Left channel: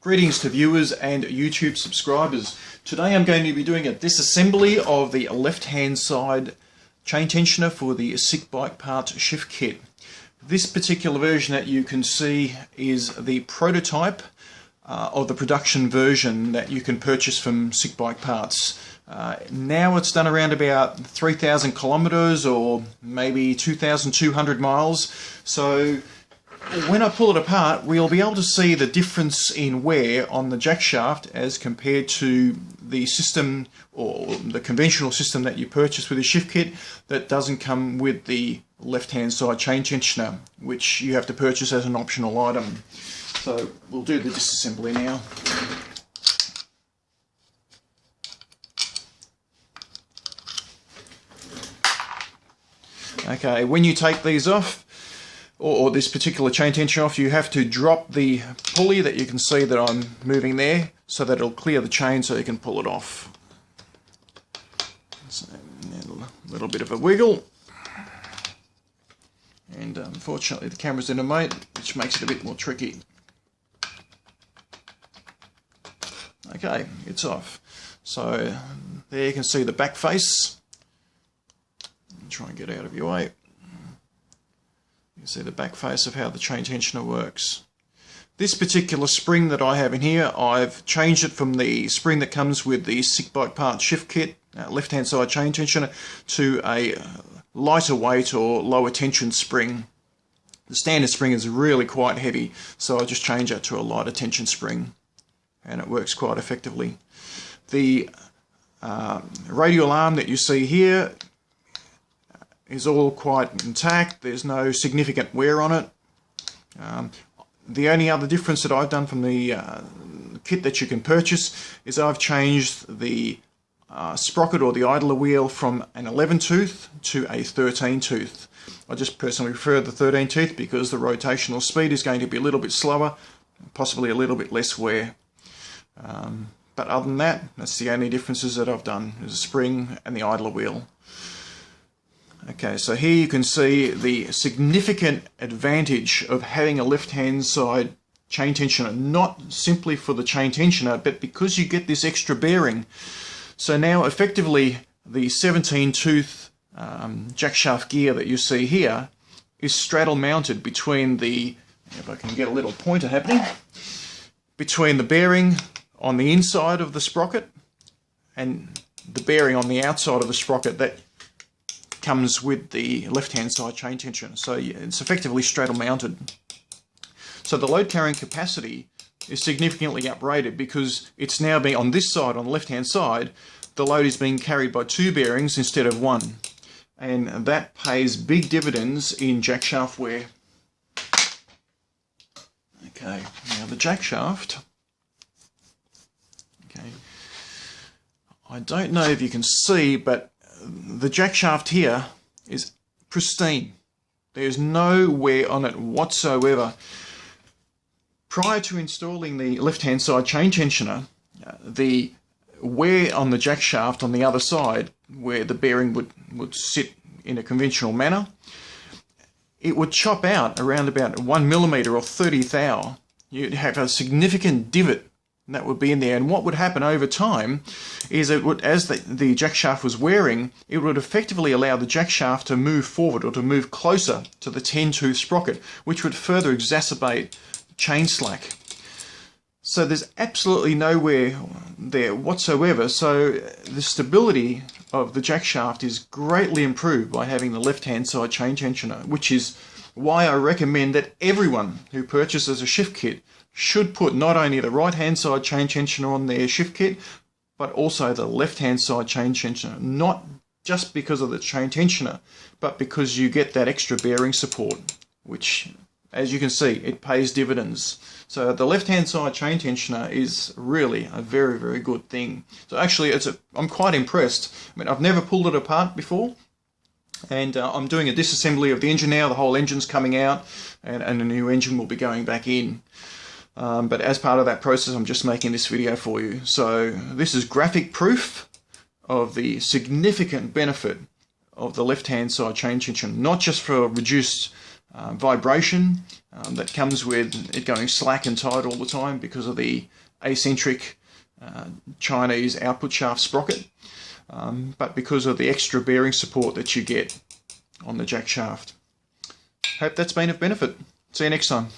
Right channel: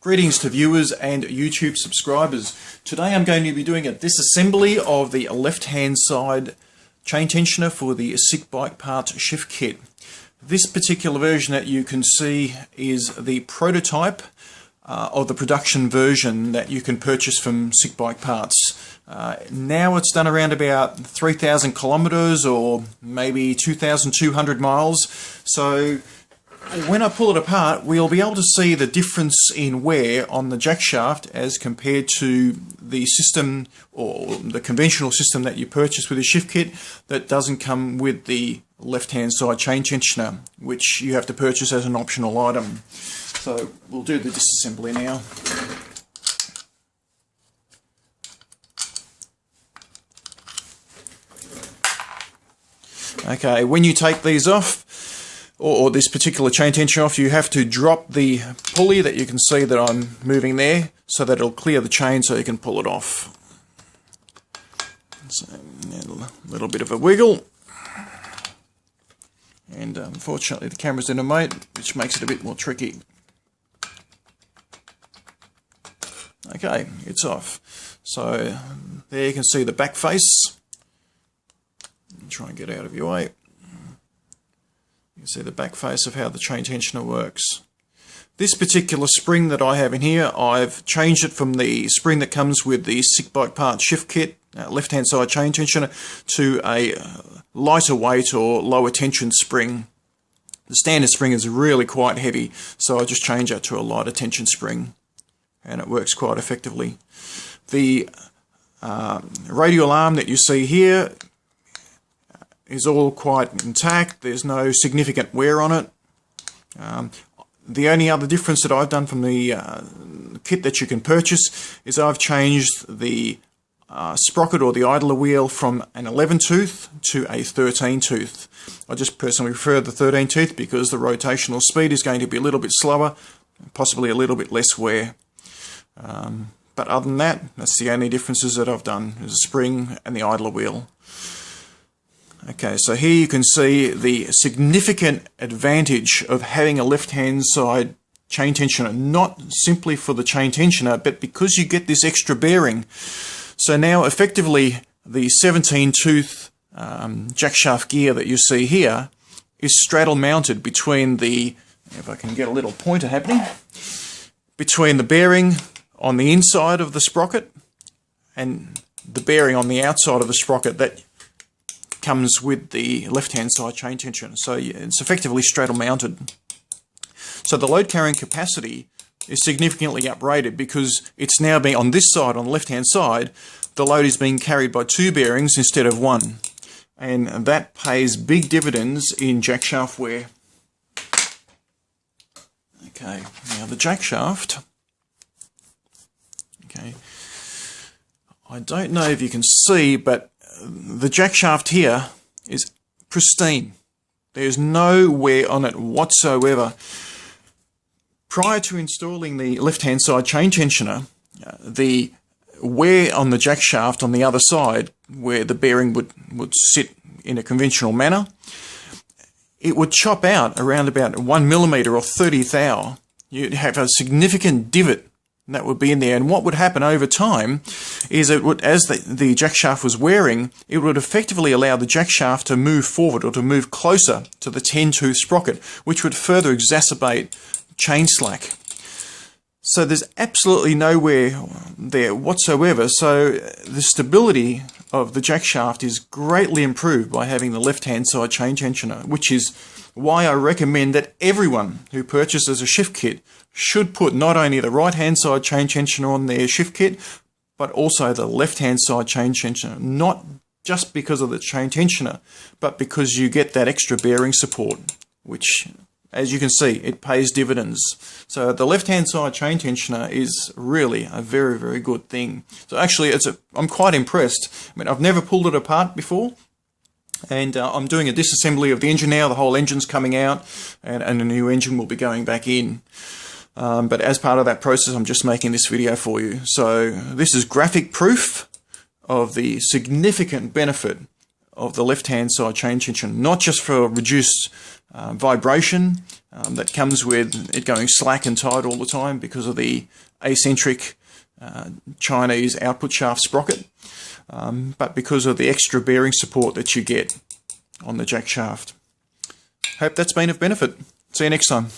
Greetings to viewers and YouTube subscribers. Today I'm going to be doing a disassembly of the left-hand side chain tensioner for the SickBikeParts shift kit. This particular version that you can see is the prototype of the production version that you can purchase from SickBikeParts. Now it's done around about 3,000 kilometers or maybe 2,200 miles. So when I pull it apart, we'll be able to see the difference in wear on the jack shaft as compared to the system or the conventional system that you purchase with a shift kit that doesn't come with the left-hand side chain tensioner, which you have to purchase as an optional item. So we'll do the disassembly now. Okay, when you take these off, or this particular chain tension off, you have to drop the pulley that you can see that I'm moving there so that it'll clear the chain so you can pull it off. So a little bit of a wiggle, and unfortunately the camera's in a mode which makes it a bit more tricky. Okay, it's off. So there you can see the back face. Try and get out of your way. You can see the back face of how the chain tensioner works. This particular spring that I have in here, I've changed it from the spring that comes with the SickBikeParts shift kit, left-hand side chain tensioner, to a lighter weight or lower tension spring. The standard spring is really quite heavy, so I just change that to a lighter tension spring, and it works quite effectively. The radial arm that you see here is all quite intact. There's no significant wear on it. The only other difference that I've done from the kit that you can purchase is I've changed the sprocket or the idler wheel from an 11 tooth to a 13 tooth. I just personally prefer the 13 tooth because the rotational speed is going to be a little bit slower, possibly a little bit less wear. But other than that, that's the only differences that I've done, is the spring and the idler wheel. Okay, so here you can see the significant advantage of having a left-hand side chain tensioner, not simply for the chain tensioner, but because you get this extra bearing. So now effectively the 17-tooth jack shaft gear that you see here is straddle mounted between the, if I can get a little pointer happening, between the bearing on the inside of the sprocket and the bearing on the outside of the sprocket that comes with the left-hand side chain tensioner. So it's effectively straddle mounted. So the load carrying capacity is significantly uprated because it's now being on this side, on the left-hand side, the load is being carried by two bearings instead of one. And that pays big dividends in jack shaft wear. Okay, now the jack shaft. Okay, I don't know if you can see, but the jack shaft here is pristine. There's no wear on it whatsoever. Prior to installing the left-hand side chain tensioner, the wear on the jack shaft on the other side, where the bearing would sit in a conventional manner, it would chop out around about 1 millimeter or 30th thou. You'd have a significant divot that would be in there, and what would happen over time is it would, as the jack shaft was wearing, it would effectively allow the jack shaft to move forward or to move closer to the 10-tooth sprocket, which would further exacerbate chain slack. So there's absolutely no wear there whatsoever, so the stability of the jack shaft is greatly improved by having the left-hand side chain tensioner, which is why I recommend that everyone who purchases a shift kit should put not only the right-hand side chain tensioner on their shift kit, but also the left-hand side chain tensioner. Not just because of the chain tensioner, but because you get that extra bearing support, which, as you can see, it pays dividends. So the left-hand side chain tensioner is really a very, very good thing. So actually, I'm quite impressed. I mean, I've never pulled it apart before, and I'm doing a disassembly of the engine now. The whole engine's coming out, and a new engine will be going back in. But as part of that process, I'm just making this video for you. So this is graphic proof of the significant benefit of the left-hand side chain tension, not just for reduced vibration that comes with it going slack and tight all the time because of the eccentric Chinese output shaft sprocket, but because of the extra bearing support that you get on the jack shaft. Hope that's been of benefit. See you next time.